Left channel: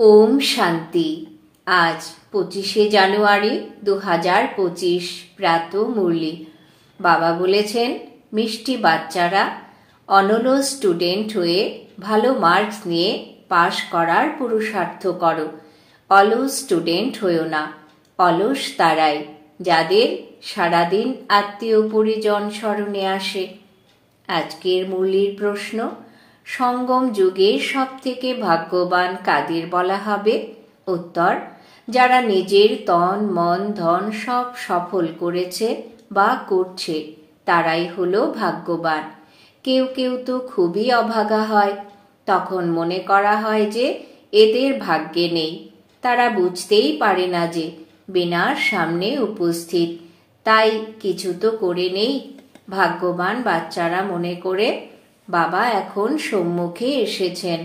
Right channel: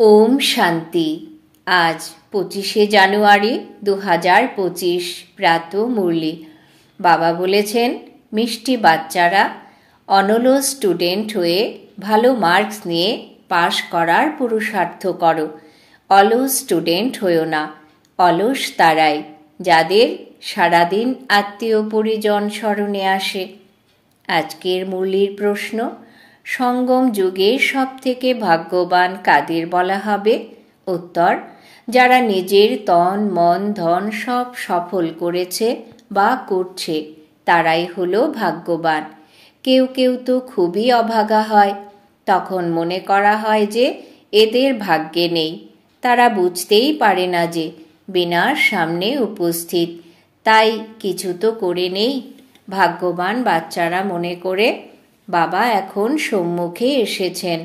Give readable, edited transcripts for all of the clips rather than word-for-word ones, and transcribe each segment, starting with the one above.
ওম শান্তি। আজ 25শে জানুয়ারি 2025 প্রাত মুরলি। বাবা বলেছেন, মিষ্টি বাচ্চারা, অনলস স্টুডেন্ট হয়ে ভালো মার্কস নিয়ে পাশ করার পুরুষার্থ করো। অলস স্টুডেন্ট হয়েও না। অলস তারাই যাদের সারাদিন আত্মীয় পরিজন স্মরণে আসে। আজকের মুরলির প্রশ্ন, সঙ্গম যুগে সব থেকে ভাগ্যবান কাদের বলা হবে? উত্তর, যারা নিজের তন মন ধন সব সফল করেছে বা করছে তারাই হলো ভাগ্যবান। কেউ কেউ তো খুবই অভাগা হয়, তখন মনে করা হয় যে এদের ভাগ্যে নেই। তারা বুঝতেই পারে না যে বিনাশ সামনে উপস্থিত, তাই কিছু তো করে নেই। ভাগ্যবান বাচ্চারা মনে করে, বাবা এখন সম্মুখে এসেছেন,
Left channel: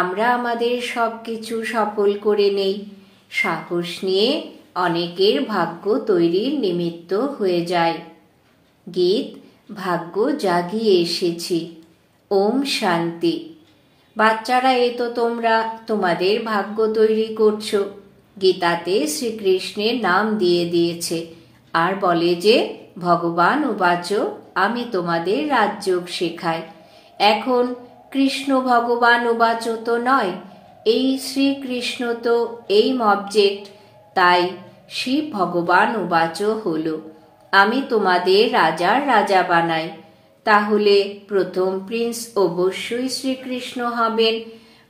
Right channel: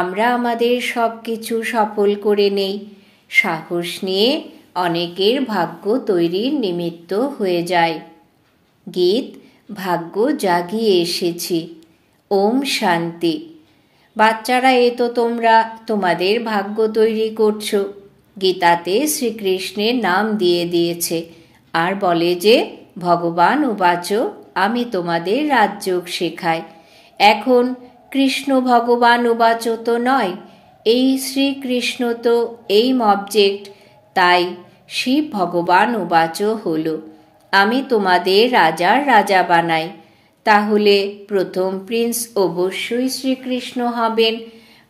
আমরা আমাদের সব কিছু সফল করে নেই। সাহস নিয়ে অনেকের ভাগ্য তৈরির নিমিত্ত হয়ে যায়। গীত, ভাগ্য জাগিয়ে এসেছি। ওম শান্তি। বাচ্চারা, এ তো তোমরা তোমাদের ভাগ্য তৈরি করছো। গীতাতে শ্রীকৃষ্ণের নাম দিয়ে দিয়েছে আর বলে যে, ভগবান উবাচ, আমি তোমাদের রাজযোগ শেখাই। এখন কৃষ্ণ ভগবান উবাচ তো নয়, এই শ্রীকৃষ্ণ তো এইম অবজেক্ট, তাই শিব ভগবান উবাচ হলো, আমি তোমাদের রাজার রাজা বানাই। তাহলে প্রথম প্রিন্স অবশ্যই শ্রীকৃষ্ণ হবেন,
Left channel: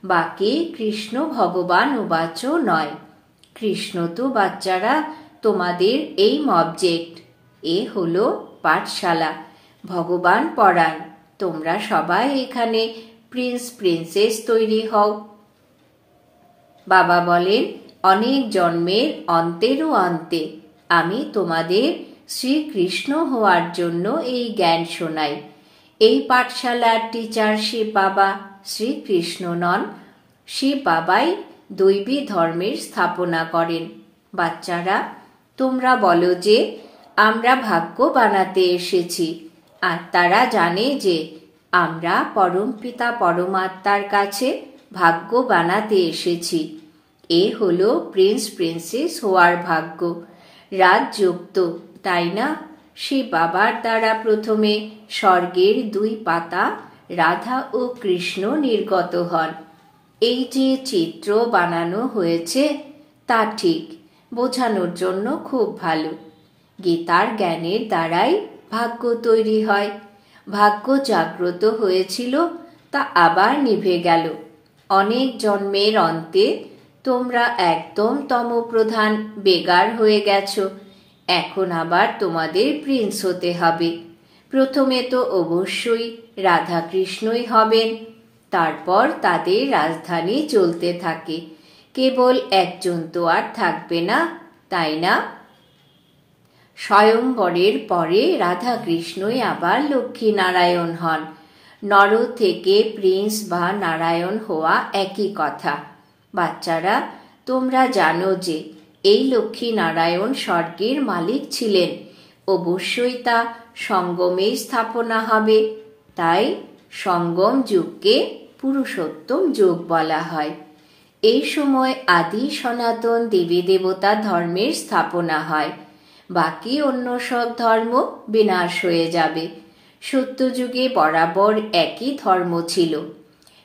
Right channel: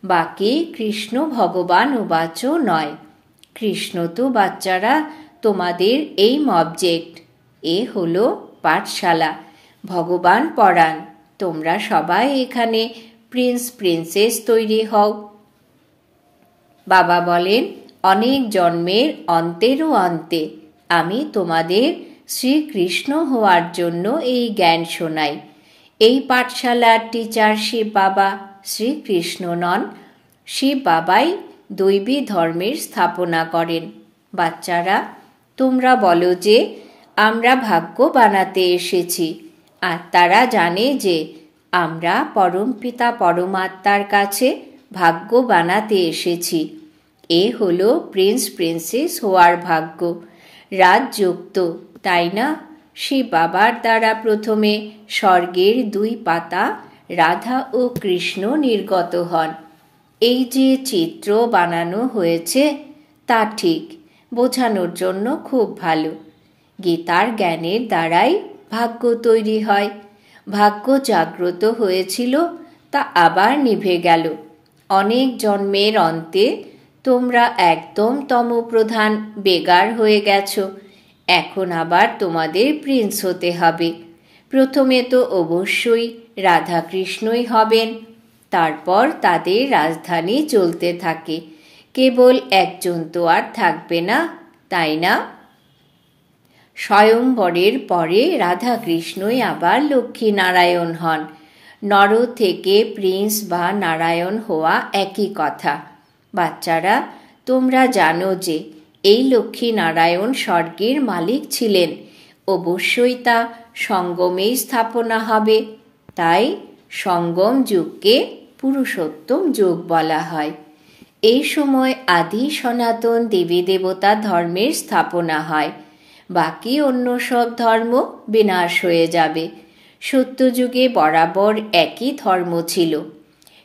বাকি কৃষ্ণ ভগবান উবাচ নয়। কৃষ্ণ তো বাচ্চারা তোমাদের এইম অবজেক্ট। এ হলো পাঠশালা, ভগবান পড়ান। তোমরা সবাই এখানে প্রিন্স প্রিন্সেস তৈরি হও। বাবা বলেন, অনেক জন্মের অন্তেরও অন্তে আমি তোমাদের শ্রীকৃষ্ণ হওয়ার জন্য এই জ্ঞান শোনাই। এই পাঠশালার টিচার শিব বাবা, শ্রীকৃষ্ণ নন। শিব বাবাই দৈবী ধর্মের স্থাপনা করেন। বাচ্চারা, তোমরা বলো যে আমরা ভাগ্য বানাতে এসেছি, আর তারা জানে যে আমরা পরমপিতা পরমাত্মার কাছে ভাগ্য বানাতে এসেছি। এ হলো প্রিন্স প্রিন্সেস হওয়ার ভাগ্য। রাজযোগ, তাই না? শিব বাবার দ্বারা প্রথমে স্বর্গের 2 পাতা রাধা ও কৃষ্ণ নির্গত হন। এই যে চিত্র বানানো হয়েছে তা ঠিক বোঝানোর জন্য খুব ভালো। গীতার জ্ঞানের দ্বারাই ভাগ্য তৈরি হয়। ভাগ্য জাগ্রত হয়েছিল, তা আবার নিভে গেল। অনেক জন্মের অন্তে তোমরা একদম তমপ্রধান বেগার হয়ে গেছো। এখন আবার তোমাদের প্রিন্স হতে হবে। প্রথমে তো অবশ্যই রাধা কৃষ্ণই হবেন, তারপর তাদের রাজধানী চলতে থাকে। কেবল একজন তো আর থাকবে না, তাই না? স্বয়ংবরের পরে রাধা কৃষ্ণই আবার লক্ষ্মী নারায়ণ হন। নর থেকে প্রিন্স বা নারায়ণ হওয়া একই কথা। বাচ্চারা, তোমরা জানো যে এই লক্ষ্মী নারায়ণ স্বর্গের মালিক ছিলেন। অবশ্যই তা সঙ্গমেই স্থাপনা হবে, তাই সঙ্গম যুগকে পুরুষোত্তম যুগ বলা হয়। এই সময় আদি সনাতন দেবী দেবতা ধর্মের স্থাপনা হয়। বাকি অন্য সব ধর্ম বিনাশ হয়ে যাবে। সত্যযুগে বরাবর একই ধর্ম ছিল।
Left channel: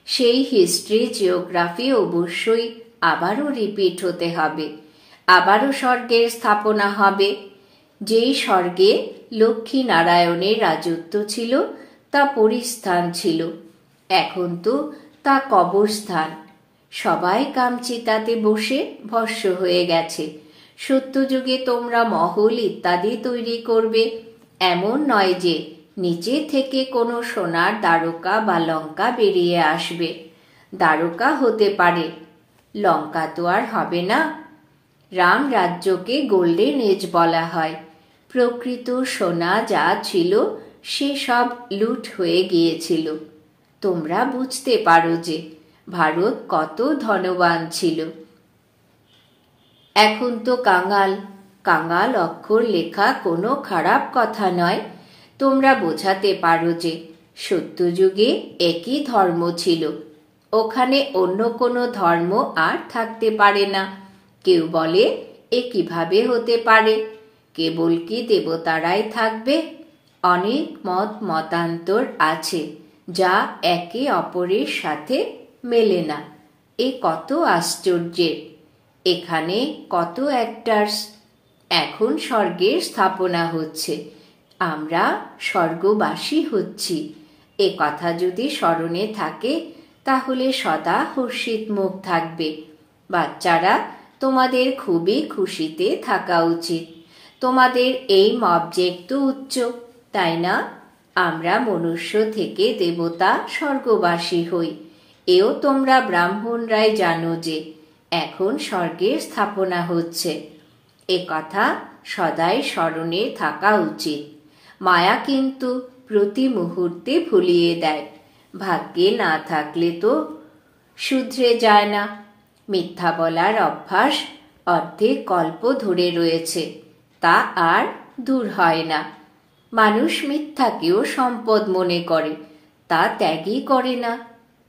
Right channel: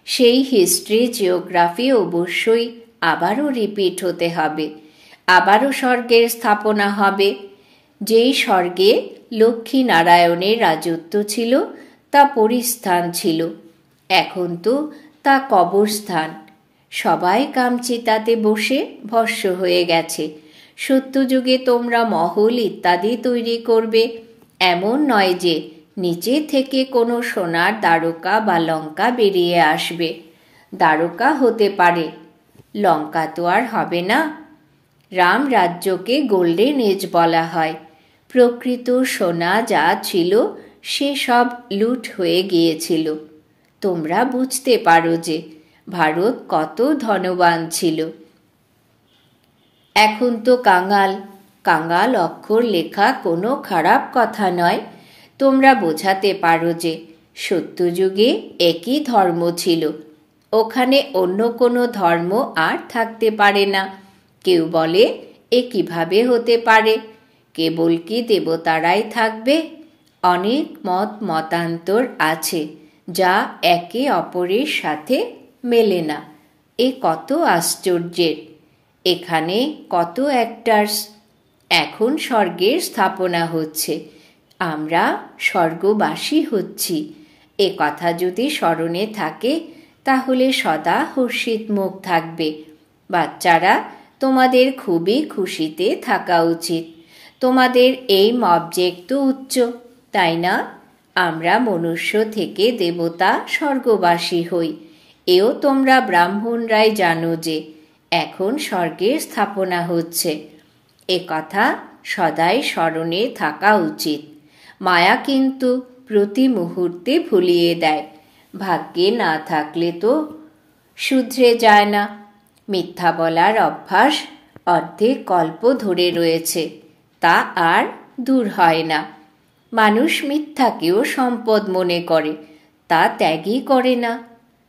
সেই হিস্ট্রি জিওগ্রাফি অবশ্যই আবারও রিপিট হতে হবে। আবারও স্বর্গের স্থাপনা হবে। যেই স্বর্গে লক্ষ্মী নারায়ণের রাজত্ব ছিল তা পরিস্থান ছিল, এখন তো তা কবরস্থান। সবাই কামচিতাতে বসে ভস্ম হয়ে গেছে। সত্যযুগে তোমরা মহল ইত্যাদি তৈরি করবে, এমন নয় যে নিচে থেকে কোনো সোনার দ্বারকা বা লঙ্কা বেরিয়ে আসবে। দ্বারকা হতে পারে, লঙ্কা তো আর হবে না। রাম রাজ্যকে গোল্ডেন এজ বলা হয়। প্রকৃত সোনা যা ছিল সে সব লুট হয়ে গিয়েছিল। তোমরা বুঝতে পারো যে ভারত কত ধনবান ছিল। এখন তো কাঙাল। কাঙাল অক্ষর লেখা কোনো খারাপ কথা নয়। তোমরা বোঝাতে পারো যে সত্যযুগে একই ধর্ম ছিল। ওখানে অন্য কোনো ধর্ম আর থাকতে পারে না। কেউ বলে, এ কিভাবে হতে পারে? কেবল কি দেবতারাই থাকবে? অনেক মত মতান্তর আছে, যা একে অপরের সাথে মেলে না। এ কত আশ্চর্যের! এখানে কত অ্যাক্টার্স। এখন স্বর্গের স্থাপনা হচ্ছে, আমরা স্বর্গবাসী হচ্ছি। এ কথা যদি স্মরণে থাকে তাহলে সদা হর্ষিত মুখ থাকবে। বাচ্চারা, তোমাদের খুবই খুশিতে থাকা উচিত। তোমাদের এইম অবজেক্ট তো উচ্চ, তাই না? আমরা মনুষ্য থেকে দেবতা স্বর্গবাসী হই। এও তোমরা ব্রাহ্মণরাই জানো যে এখন স্বর্গের স্থাপনা হচ্ছে। এ কথা সদাই স্মরণে থাকা উচিত। মায়া কিন্তু প্রতি মুহূর্তে ভুলিয়ে দেয়। ভাগ্যে না থাকলে তো শুধরে যায় না। মিথ্যা বলার অভ্যাস অর্ধেক কল্প ধরে রয়েছে, তা আর দূর হয় না। মানুষ মিথ্যাকেও সম্পদ মনে করে, তা ত্যাগই করে না।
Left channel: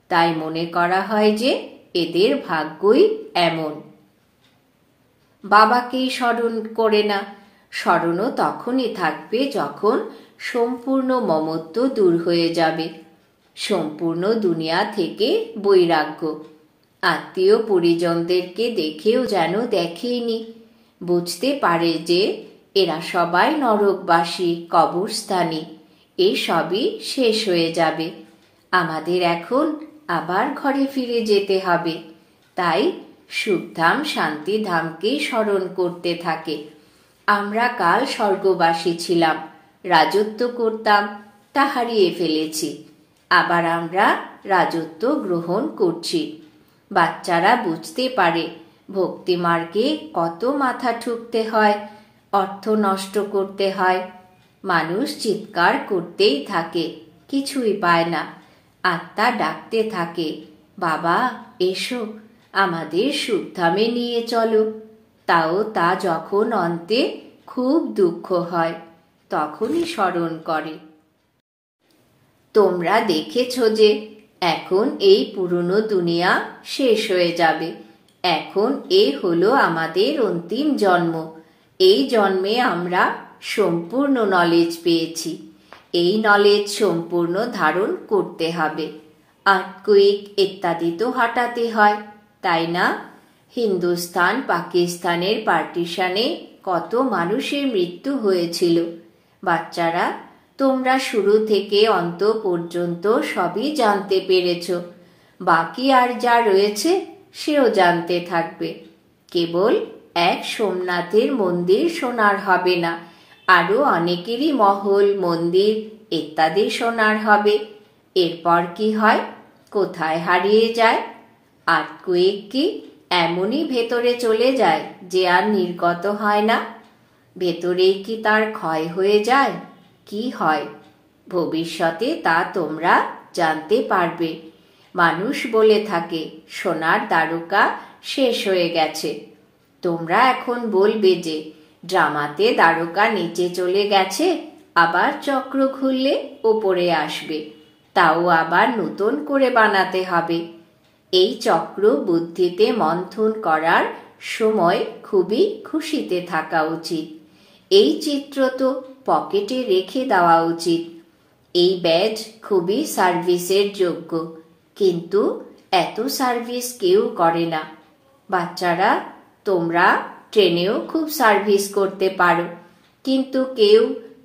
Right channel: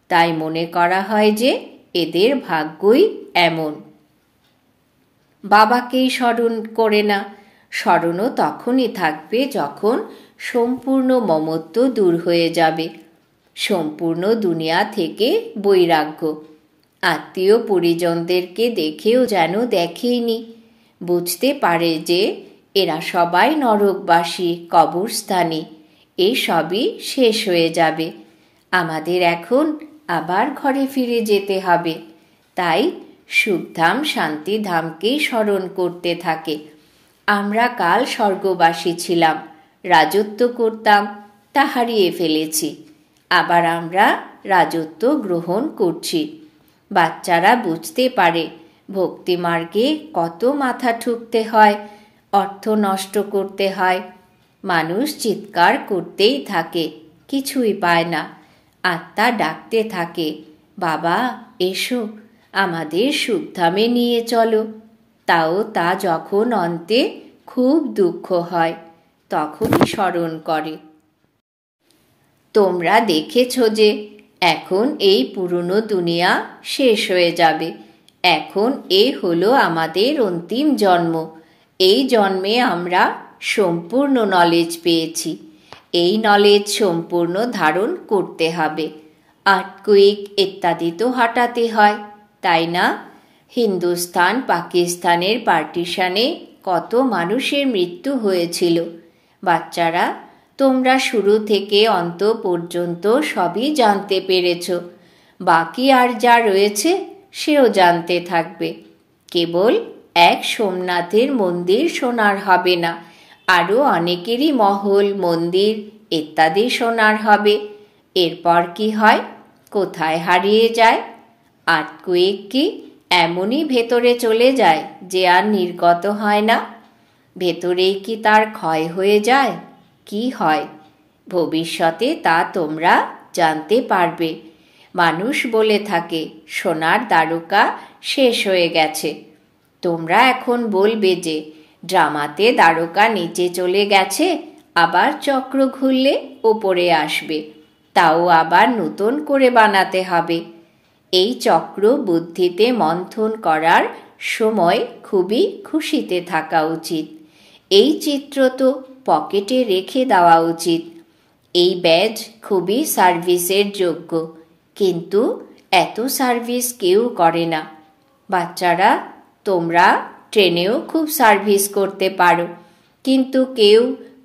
তাই মনে করা হয় যে এদের ভাগ্যই এমন। বাবাকেই স্মরণ করে না। স্মরণও তখনই থাকবে যখন সম্পূর্ণ মমত্ব দূর হয়ে যাবে, সম্পূর্ণ দুনিয়া থেকে বৈরাগ্য। আত্মীয় পরিজনদেরকে দেখেও যেন দেখেইনি, বুঝতে পারে যে এরা সবাই নরকবাসী, কবরস্থানী। এসবই শেষ হয়ে যাবে। আমাদের এখন আবার ঘরে ফিরে যেতে হবে। তাই সুখধাম শান্তিধামকেই স্মরণ করতে থাকে। আমরা কাল স্বর্গবাসী ছিলাম, রাজত্ব করতাম, তা হারিয়ে ফেলেছি। আবার আমরা রাজত্ব গ্রহণ করছি। বাচ্চারা বুঝতে পারে ভক্তিমার্গে কত মাথা ঠুকতে হয়, অর্থ নষ্ট করতে হয়। মানুষ চিৎকার করতেই থাকে, কিছুই পায় না। আত্মা ডাকতে থাকে, বাবা এসো, আমাদের সুখধামে নিয়ে চলো। তাও তা যখন অন্তে খুব দুঃখ হয়, তখনই স্মরণ করে। তোমরা দেখেছ যে এখন এই পুরনো দুনিয়া শেষ হয়ে যাবে। এখন এ হলো আমাদের অন্তিম জন্ম। এই জন্মে আমরা সম্পূর্ণ নলেজ পেয়েছি। এই নলেজ সম্পূর্ণ ধারণ করতে হবে। আর্থকুইক ইত্যাদি তো হটাতে হয়, তাই না? হিন্দুস্তান পাকিস্তানের পার্টিশনে কত মানুষের মৃত্যু হয়েছিল। বাচ্চারা, তোমরা শুরু থেকে অন্ত পর্যন্ত সবই জানতে পেরেছ। বাকি আর যা রয়েছে সেও জানতে থাকবে। কেবল এক সোমনাথের মন্দির শোনার হবে না, আরও অনেকেরই মহল, মন্দির ইত্যাদি শোনার হবে। এরপর কি হয়, কোথায় হারিয়ে যায়? আর্থকুইক কি এমনই ভেতরে চলে যায় যে আর নির্গত হয় না? ভেতরেই কি তার ক্ষয় হয়ে যায়? কি হয় ভবিষ্যতে তা তোমরা জানতে পারবে। মানুষ বলে থাকে সোনার দ্বারকা শেষ হয়ে গেছে। তোমরা এখন বলবে যে ড্রামাতে দ্বারকা নিচে চলে গেছে, আবার চক্র ঘুরলে ওপরে আসবে, তাও আবার নতুন করে বানাতে হবে। এই চক্র বুদ্ধিতে মন্থন করার সময় খুবই খুশিতে থাকা উচিত। এই চিত্র তো পকেটে রেখে দেওয়া উচিত। এই ব্যাজ খুবই সার্ভিসের যোগ্য, কিন্তু এত সার্ভিস কেউ করে না। বাচ্চারা, তোমরা ট্রেনেও খুব সার্ভিস করতে পারো, কিন্তু কেউ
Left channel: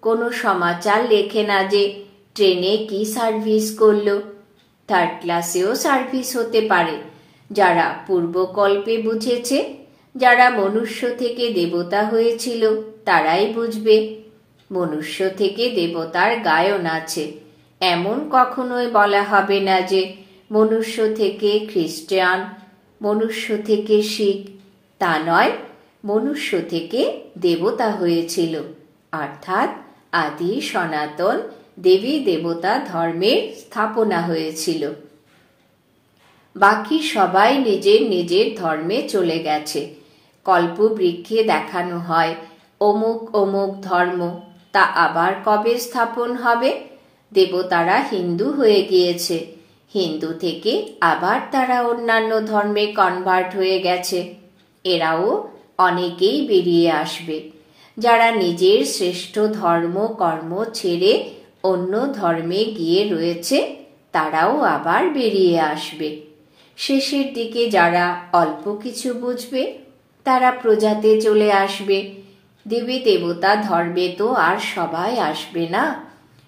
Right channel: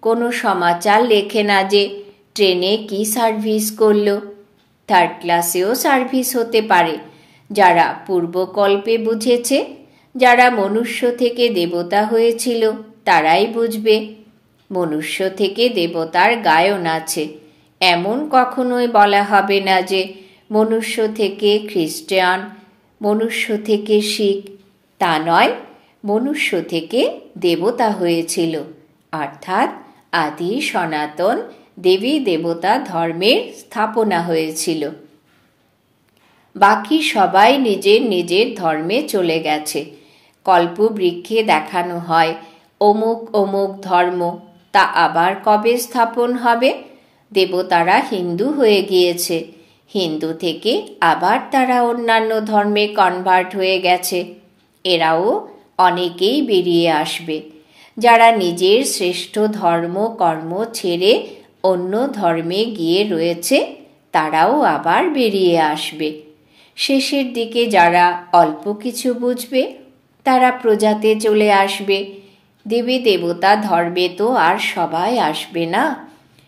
কোনো সমাচার লেখে না যে ট্রেনে কি সার্ভিস করলো। থার্ড ক্লাসেও সার্ভিস হতে পারে। যারা পূর্বকল্পে বুঝেছে, যারা মনুষ্য থেকে দেবতা হয়েছিল, তারাই বুঝবে। মনুষ্য থেকে দেবতার গায়ন আছে, এমন কখনোই বলা হবে না যে মনুষ্য থেকে খ্রিস্টান, মনুষ্য থেকে শিখ। তা নয়, মনুষ্য থেকে দেবতা হয়েছিল, অর্থাৎ আদি সনাতন দেবী দেবতা ধর্মের স্থাপনা হয়েছিল। বাকি সবাই নিজের নিজের ধর্মে চলে গেছে। কল্পবৃক্ষে দেখানো হয় অমুক অমুক ধর্ম, তা আবার কবে স্থাপন হবে? দেবতারা হিন্দু হয়ে গিয়েছে, হিন্দু থেকে আবার তারা অন্যান্য ধর্মে কনভার্ট হয়ে গেছে। এরাও অনেকেই বেরিয়ে আসবে। যারা নিজের শ্রেষ্ঠ ধর্ম কর্ম ছেড়ে অন্য ধর্মে গিয়ে রয়েছে তারাও আবার বেরিয়ে আসবে। শেষের দিকে যারা অল্প কিছু বুঝবে তারা প্রজাতে চলে আসবে। দেবী দেবতা ধর্মে তো আর সবাই আসবে না,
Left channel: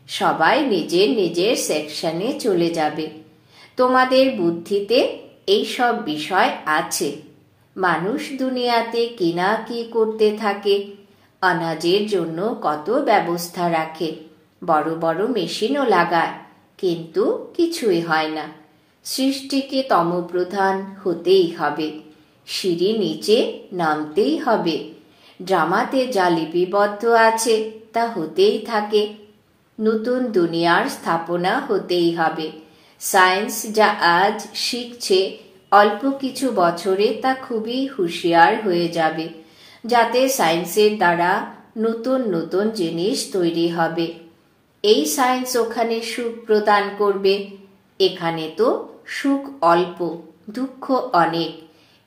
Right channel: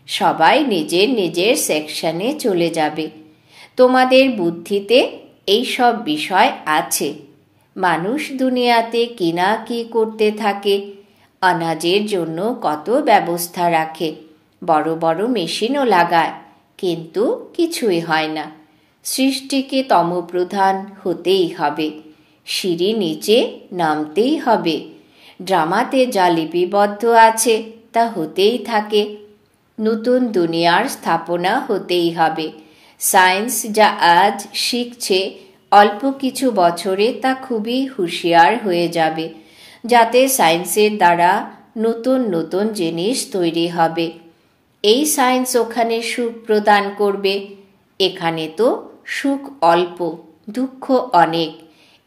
সবাই নিজের নিজের সেকশনে চলে যাবে। তোমাদের বুদ্ধিতে এই সব বিষয় আছে। মানুষ দুনিয়াতে কিনা কি করতে থাকে, অনাজের জন্য কত ব্যবস্থা রাখে, বড় বড় মেশিনও লাগায়, কিন্তু কিছুই হয় না। সৃষ্টিকে তমপ্রধান হতেই হবে, সিঁড়ি নিচে নামতেই হবে। ড্রামাতে যা লিপিবদ্ধ আছে তা হতেই থাকে। নতুন দুনিয়ার স্থাপনা হতেই হবে। সায়েন্স যা আজ শিখছে অল্প কিছু বছরে তা খুবই হুঁশিয়ার হয়ে যাবে, যাতে সায়েন্সের দ্বারা নতুন নতুন জিনিস তৈরি হবে। এই সায়েন্স ওখানে সুখ প্রদান করবে। এখানে তো সুখ অল্প, দুঃখ অনেক।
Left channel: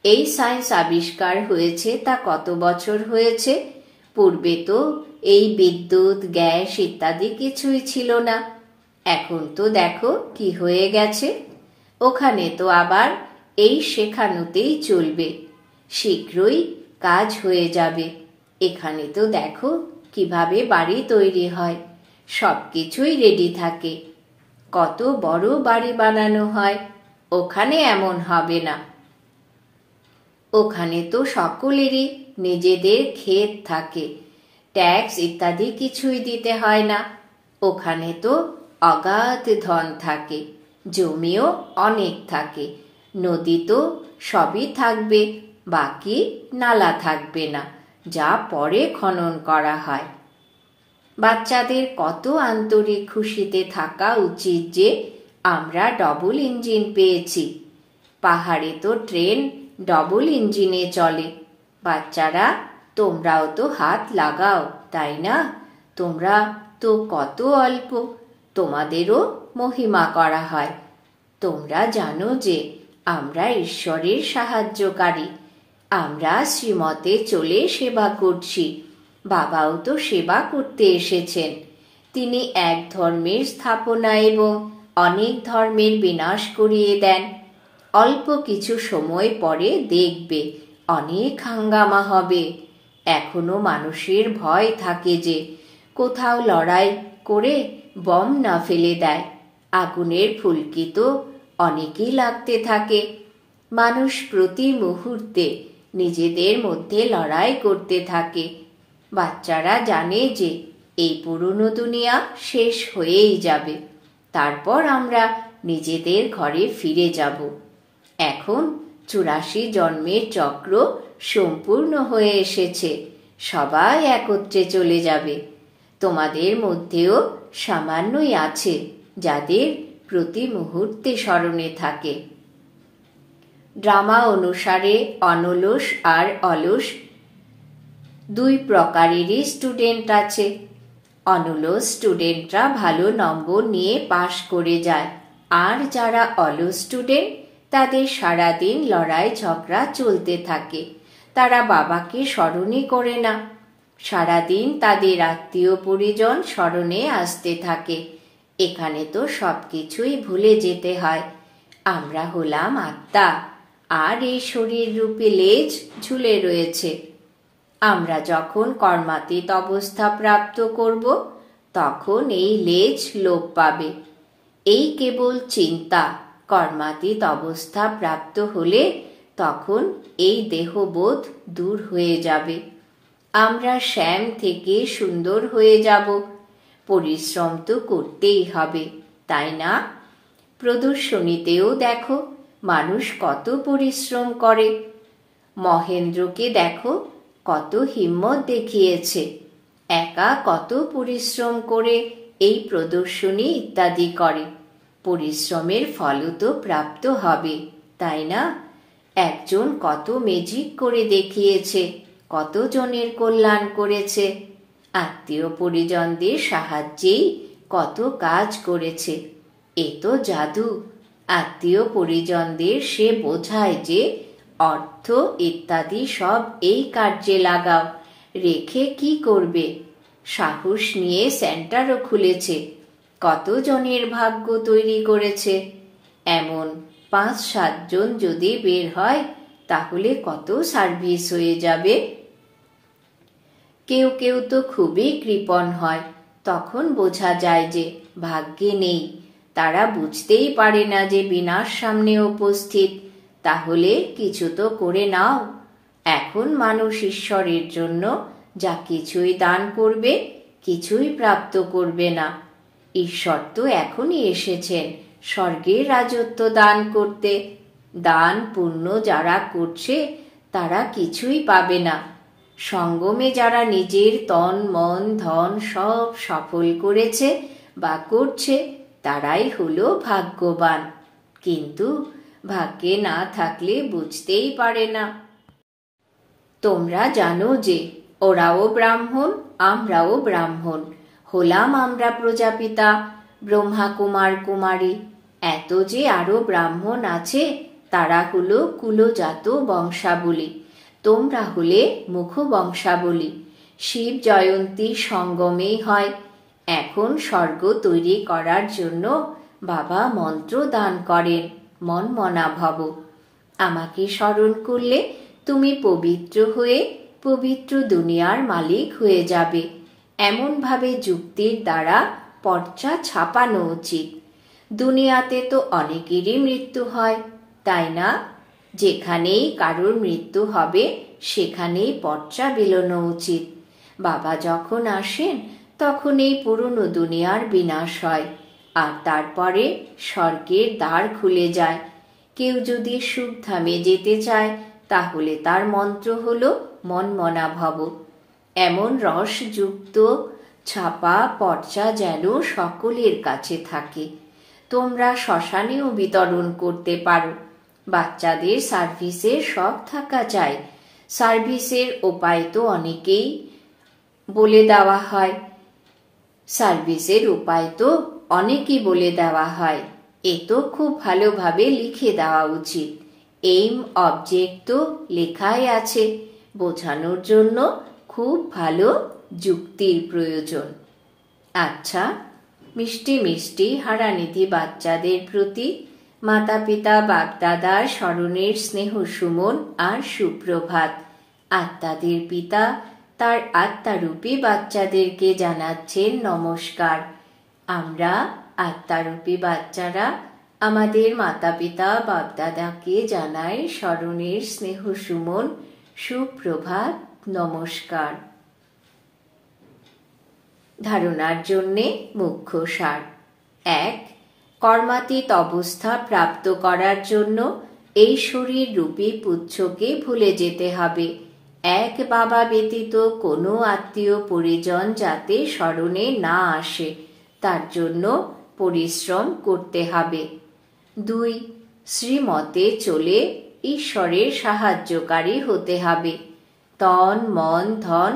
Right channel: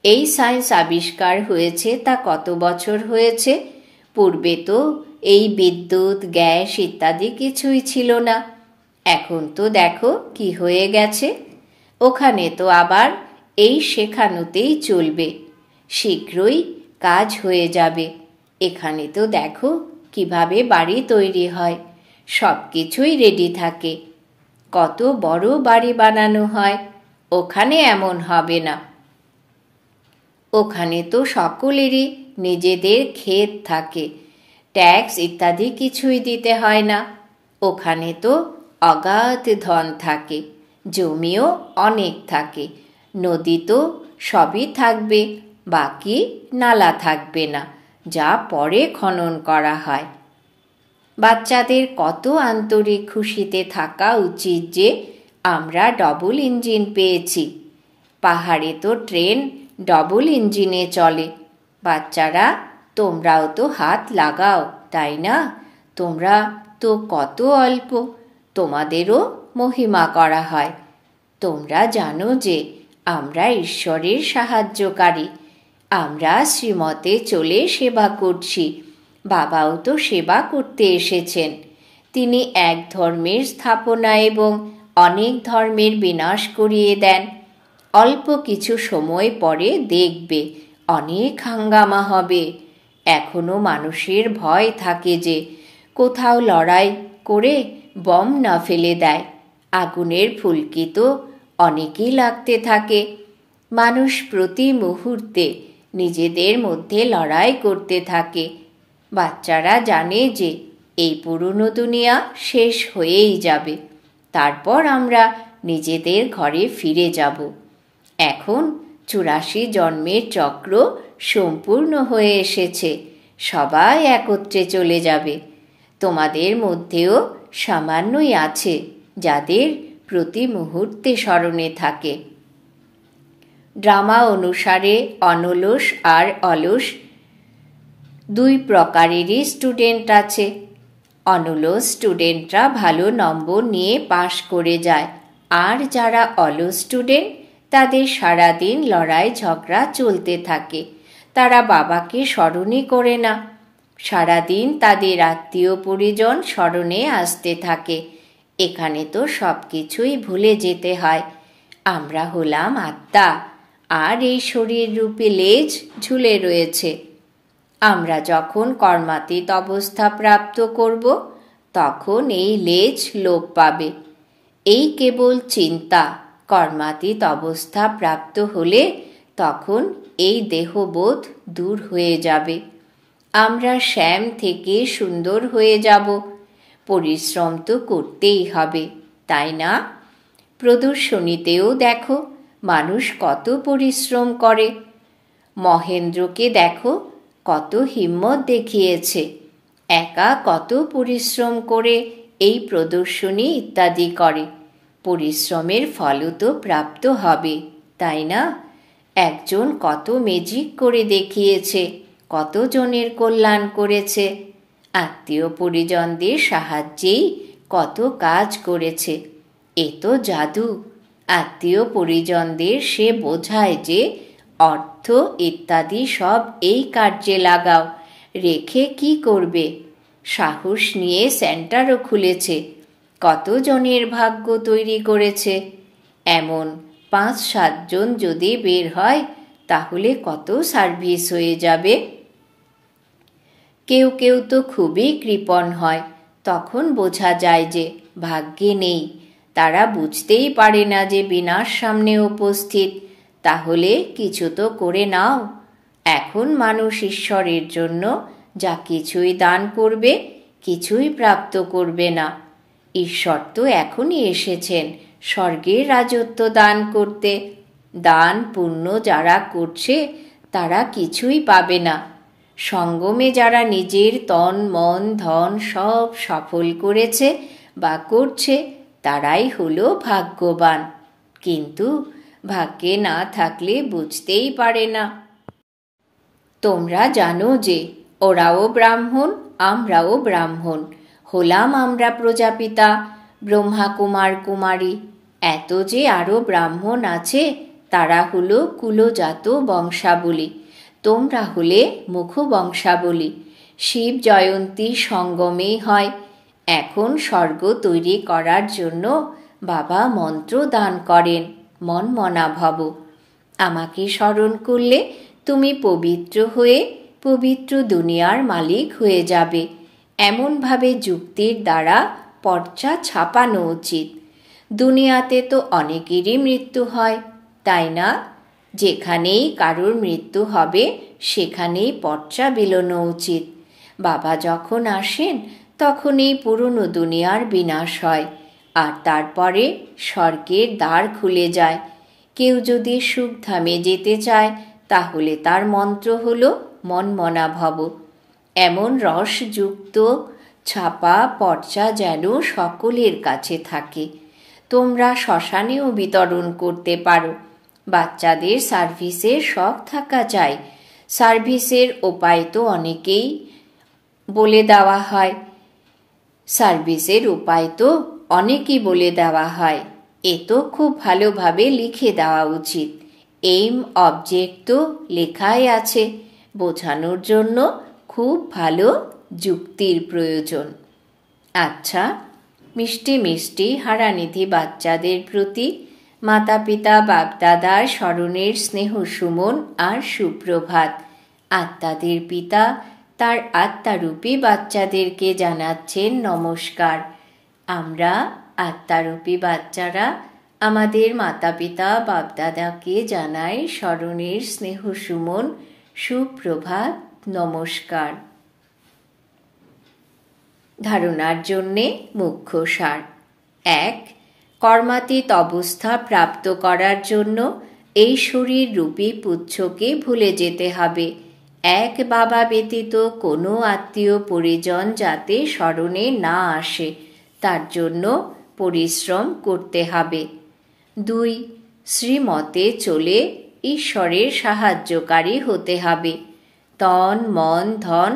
এই সায়েন্স আবিষ্কার হয়েছে তা কত বছর হয়েছে? পূর্বে তো এই বিদ্যুৎ গ্যাস ইত্যাদি কিছুই ছিল না। এখন তো দেখো কি হয়ে গেছে। ওখানে তো আবার এই শেখানোতেই চলবে, শীঘ্রই কাজ হয়ে যাবে। এখানে তো দেখো কিভাবে বাড়ি তৈরি হয়, সব কিছুই রেডি থাকে। কত বড় বাড়ি বানানো হয়, ওখানে এমন হবে না। ওখানে তো সকলেরই নিজেদের ক্ষেত থাকে, ট্যাক্স ইত্যাদি কিছুই দিতে হয় না। ওখানে তো অগাধ ধন থাকে, জমিও অনেক থাকে, নদী তো সবই থাকবে, বাকি নালা থাকবে না, যা পরে খনন করা হয়। বাচ্চাদের কত আন্তরিক খুশিতে থাকা উচিত যে আমরা ডবল ইঞ্জিন পেয়েছি। পাহাড়ে তো ট্রেন ডবল ইঞ্জিনে চলে। বাচ্চারা, তোমরাও তো হাত লাগাও, তাই না? তোমরা তো কত অল্প, তোমাদেরও মহিমা করা হয়। তোমরা জানো যে আমরা ঈশ্বরের সাহায্যকারী। আমরা শ্রীমতে চলে সেবা করছি। বাবাও তো সেবা করতে এসেছেন। তিনি এক ধর্মের স্থাপনা এবং অনেক ধর্মের বিনাশ করিয়ে দেন। অল্প কিছু সময় পরে দেখবে অনেক হাঙ্গামা হবে। এখনো মানুষের ভয় থাকে যে কোথাও লড়াই করে বম না ফেলে দেয়। আগুনের ফুলকি তো অনেকই লাগতে থাকে। মানুষ প্রতি মুহূর্তে নিজেদের মধ্যে লড়াই করতে থাকে। বাচ্চারা জানে যে এই পুরনো দুনিয়া শেষ হয়েই যাবে, তারপর আমরা নিজেদের ঘরে ফিরে যাব। এখন 84 জন্মের চক্র সম্পূর্ণ হয়ে এসেছে, সবাই একত্রে চলে যাবে। তোমাদের মধ্যেও সামান্যই আছে যাদের প্রতি মুহূর্তে স্মরণে থাকে। ড্রামা অনুসারে অনলস আর অলস দুই প্রকারেরই স্টুডেন্ট আছে। অনলস স্টুডেন্টরা ভালো নম্বর নিয়ে পাশ করে যায়, আর যারা অলস স্টুডেন্ট তাদের সারাদিন লড়াই ঝগড়া চলতে থাকে। তারা বাবাকে স্মরণই করে না। সারাদিন তাদের আত্মীয় পরিজন স্মরণে আসতে থাকে। এখানে তো সব কিছুই ভুলে যেতে হয়। আমরা হলাম আত্মা, আর এই শরীর রূপী লেজ ঝুলে রয়েছে। আমরা যখন কর্মাতীত অবস্থা প্রাপ্ত করব তখন এই লেজ লোপ পাবে। এই কেবল চিন্তা। কর্মাতীত অবস্থা প্রাপ্ত হলে তখন এই দেহবোধ দূর হয়ে যাবে। আমরা শ্যাম থেকে সুন্দর হয়ে যাব। পরিশ্রম তো করতেই হবে, তাই না? প্রদর্শনীতেও দেখো মানুষ কত পরিশ্রম করে। মহেন্দ্রকে দেখো কত হিম্মত দেখিয়েছে, একা কত পরিশ্রম করে এই প্রদর্শনী ইত্যাদি করে। পরিশ্রমের ফলও তো প্রাপ্ত হবে, তাই না? একজন কত ম্যাজিক করে দেখিয়েছে, কতজনের কল্যাণ করেছে, আত্মীয় পরিজনদের সাহায্যেই কত কাজ করেছে। এ তো জাদু। আত্মীয় পরিজনদের সে বোঝায় যে অর্থ ইত্যাদি সব এই কার্যে লাগাও, রেখে কি করবে? সাহস নিয়ে সেন্টারও খুলেছে, কতজনের ভাগ্য তৈরি করেছে। এমন 5-7 জন যদি বের হয় তাহলে কত সার্ভিস হয়ে যাবে। কেউ কেউ তো খুবই কৃপণ হয়, তখন বোঝা যায় যে ভাগ্যে নেই। তারা বুঝতেই পারে না যে বিনাশ সামনে উপস্থিত। তাহলে কিছু তো করে নাও। এখন মানুষ ঈশ্বরের জন্য যা কিছুই দান করবে কিছুই প্রাপ্ত করবে না। ঈশ্বর তো এখনই এসেছেন স্বর্গের রাজত্ব দান করতে। দান পুণ্য যারা করছে তারা কিছুই পাবে না। সঙ্গমে যারা নিজের তন মন ধন সব সফল করেছে বা করছে তারাই হলো ভাগ্যবান। কিন্তু ভাগ্যে না থাকলে বুঝতেই পারে না। তোমরা জানো যে ওরাও ব্রাহ্মণ, আমরাও ব্রাহ্মণ, হলাম আমরা প্রজাপিতা, ব্রহ্মা কুমার কুমারী। এত যে আরো ব্রাহ্মণ আছে তারা হলো কুলজাত বংশাবলী, তোমরা হলে মুখ বংশাবলী। শিব জয়ন্তী সঙ্গমেই হয়। এখন স্বর্গ তৈরি করার জন্য বাবা মন্ত্র দান করেন, মনমনা ভব। আমাকে স্মরণ করলে তুমি পবিত্র হয়ে পবিত্র দুনিয়ার মালিক হয়ে যাবে। এমনভাবে যুক্তির দ্বারা পর্চা ছাপানো উচিত। দুনিয়াতে তো অনেকেরই মৃত্যু হয়, তাই না? যেখানেই কারোর মৃত্যু হবে সেখানেই পর্চা বেরোনো উচিত। বাবা যখন আসেন তখন এই পুরনো দুনিয়ার বিনাশ হয়, আর তারপরে স্বর্গের দ্বার খুলে যায়। কেউ যদি সুখধামে যেতে চায় তাহলে তার মন্ত্র হলো মনমনা ভব। এমন রসযুক্ত ছাপা পর্চা যেন সকলের কাছে থাকে। তোমরা শ্মশানেও বিতরণ করতে পারো। বাচ্চাদের সার্ভিসের শখ থাকা চাই। সার্ভিসের উপায় তো অনেকেই বলে দেওয়া হয়। এ তো খুব ভালোভাবে লিখে দেওয়া উচিত। এইম অবজেক্ট তো লেখাই আছে। বোঝানোর জন্য খুব ভালো যুক্তির প্রয়োজন। আচ্ছা, মিষ্টি মিষ্টি হারানিধি বাচ্চাদের প্রতি মাতা পিতা বাপদাদার স্মরণের স্নেহ সুমন আর সুপ্রভাত। আত্মাদের পিতা তার আত্মারূপী বাচ্চাদেরকে জানাচ্ছেন নমস্কার। আমরা আত্মারূপী বাচ্চারা আমাদের মাতা পিতা বাপদাদাকে জানাই স্মরণের স্নেহ সুমন, সুপ্রভাত, নমস্কার। ধারণার জন্যে মুখ্য সার। 1. কর্মাতীত অবস্থা প্রাপ্ত করার জন্য এই শরীর রূপী পুচ্ছকে ভুলে যেতে হবে। এক বাবা ব্যতীত কোনো আত্মীয় পরিজন যাতে স্মরণে না আসে তার জন্য পরিশ্রম করতে হবে। 2. শ্রীমতে চলে ঈশ্বরের সাহায্যকারী হতে হবে। তন মন ধন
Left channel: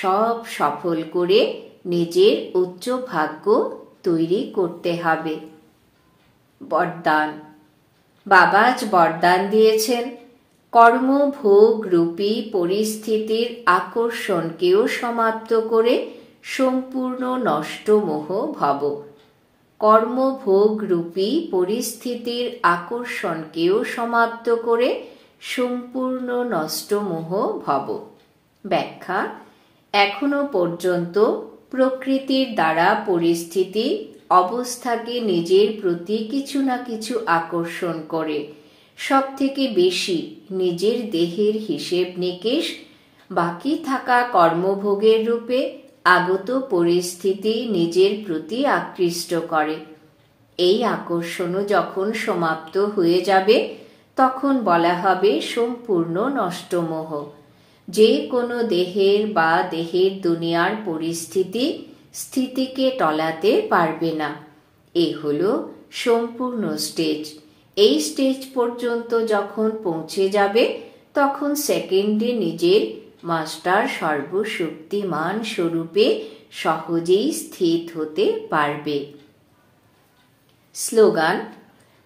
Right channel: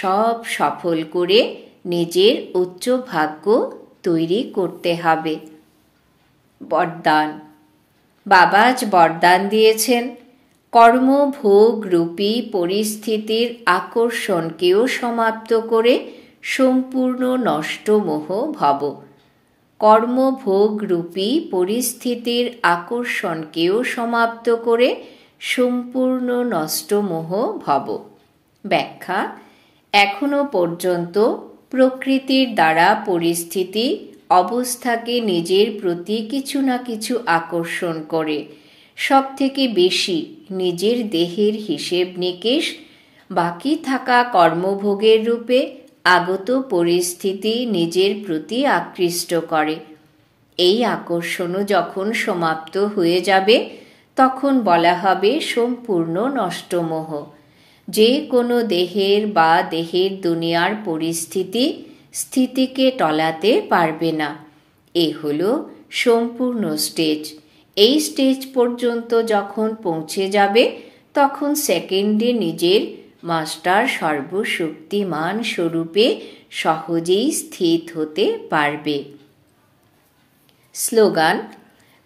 সব সফল করে নিজের উচ্চ ভাগ্য তৈরি করতে হবে। বরদান। বাবা আজ বরদান দিয়েছেন, কর্মভোগ রূপী পরিস্থিতির আকর্ষণকেও সমাপ্ত করে সম্পূর্ণ নষ্ট মোহ ভব। কর্মভোগ রূপী পরিস্থিতির আকর্ষণকেও সমাপ্ত করে সম্পূর্ণ নষ্ট মোহ ভব। ব্যাখ্যা। এখনো পর্যন্ত প্রকৃতির দ্বারা পরিস্থিতি অবস্থাকে নিজের প্রতি কিছু না কিছু আকর্ষণ করে। সব থেকে বেশি নিজের দেহের হিসেব নিকেশ, বাকি থাকা কর্মভোগের রূপে আগত পরিস্থিতি নিজের প্রতি আকৃষ্ট করে। এই আকর্ষণও যখন সমাপ্ত হয়ে যাবে তখন বলা হবে সম্পূর্ণ নষ্টমোহ। যে কোনো দেহের বা দেহের দুনিয়ার পরিস্থিতি স্থিতিকে টলাতে পারবে না। এ হলো সম্পূর্ণ স্টেজ। এই স্টেজ পর্যন্ত যখন পৌঁছে যাবে তখন সেকেন্ডে নিজের মাস্টার সর্বশক্তিমান স্বরূপে সহজেই স্থিত হতে পারবে। স্লোগান।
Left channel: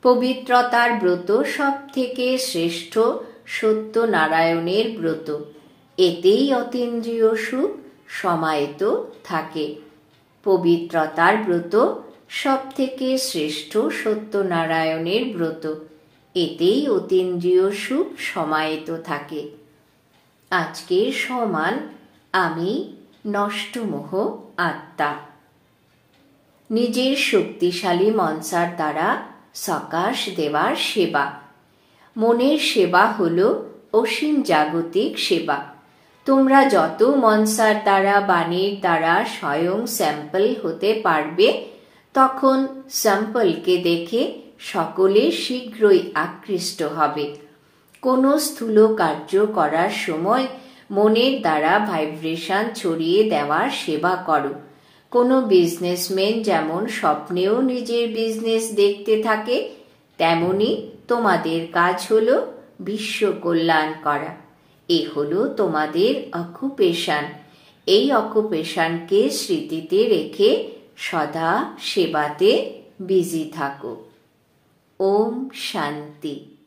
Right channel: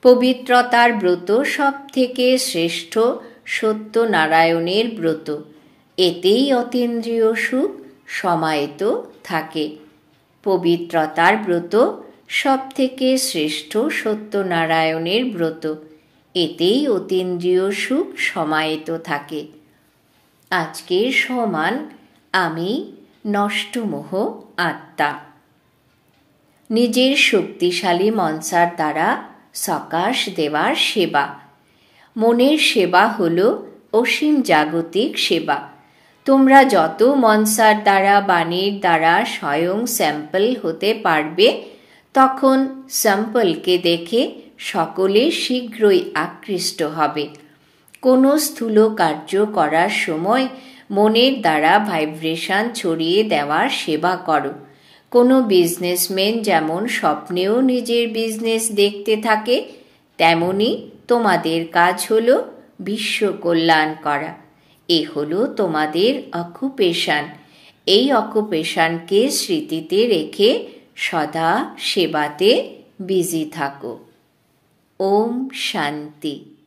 পবিত্রতার ব্রত সব থেকে শ্রেষ্ঠ সত্যনারায়ণের ব্রত। এতেই অতীন্দ্রিয় সুখ সমাহিত থাকে। পবিত্রতার ব্রত সব থেকে শ্রেষ্ঠ সত্যনারায়ণের ব্রত। এতেই অতীন্দ্রিয় সুখ সমাহিত থাকে। আজকের সমান আমি নষ্টমোহ আত্মা। নিজের শক্তিশালী মনসার দ্বারা সকাশ দেওয়ার সেবা। মনের সেবা হল অসীম জাগতিক সেবা। তোমরা যত মনসার দ্বারা বাণীর দ্বারা স্বয়ং স্যাম্পল হতে পারবে, তখন স্যাম্পলকে দেখে সকলে শীঘ্রই আকৃষ্ট হবে। কোনো স্থূল কার্য করার সময় মনের দ্বারা ভাইব্রেশন ছড়িয়ে দেওয়ার সেবা করো। কোনো বিজনেসম্যান যেমন স্বপ্নেও নিজের বিজনেস দেখতে থাকে, তেমনি তোমাদের কাজ হলো বিশ্ব কল্যাণ করা। এ হলো তোমাদের অকুপেশন। এই অকুপেশনকে স্মৃতিতে রেখে সদা সেবাতে বিজি থাকো। ওম শান্তি।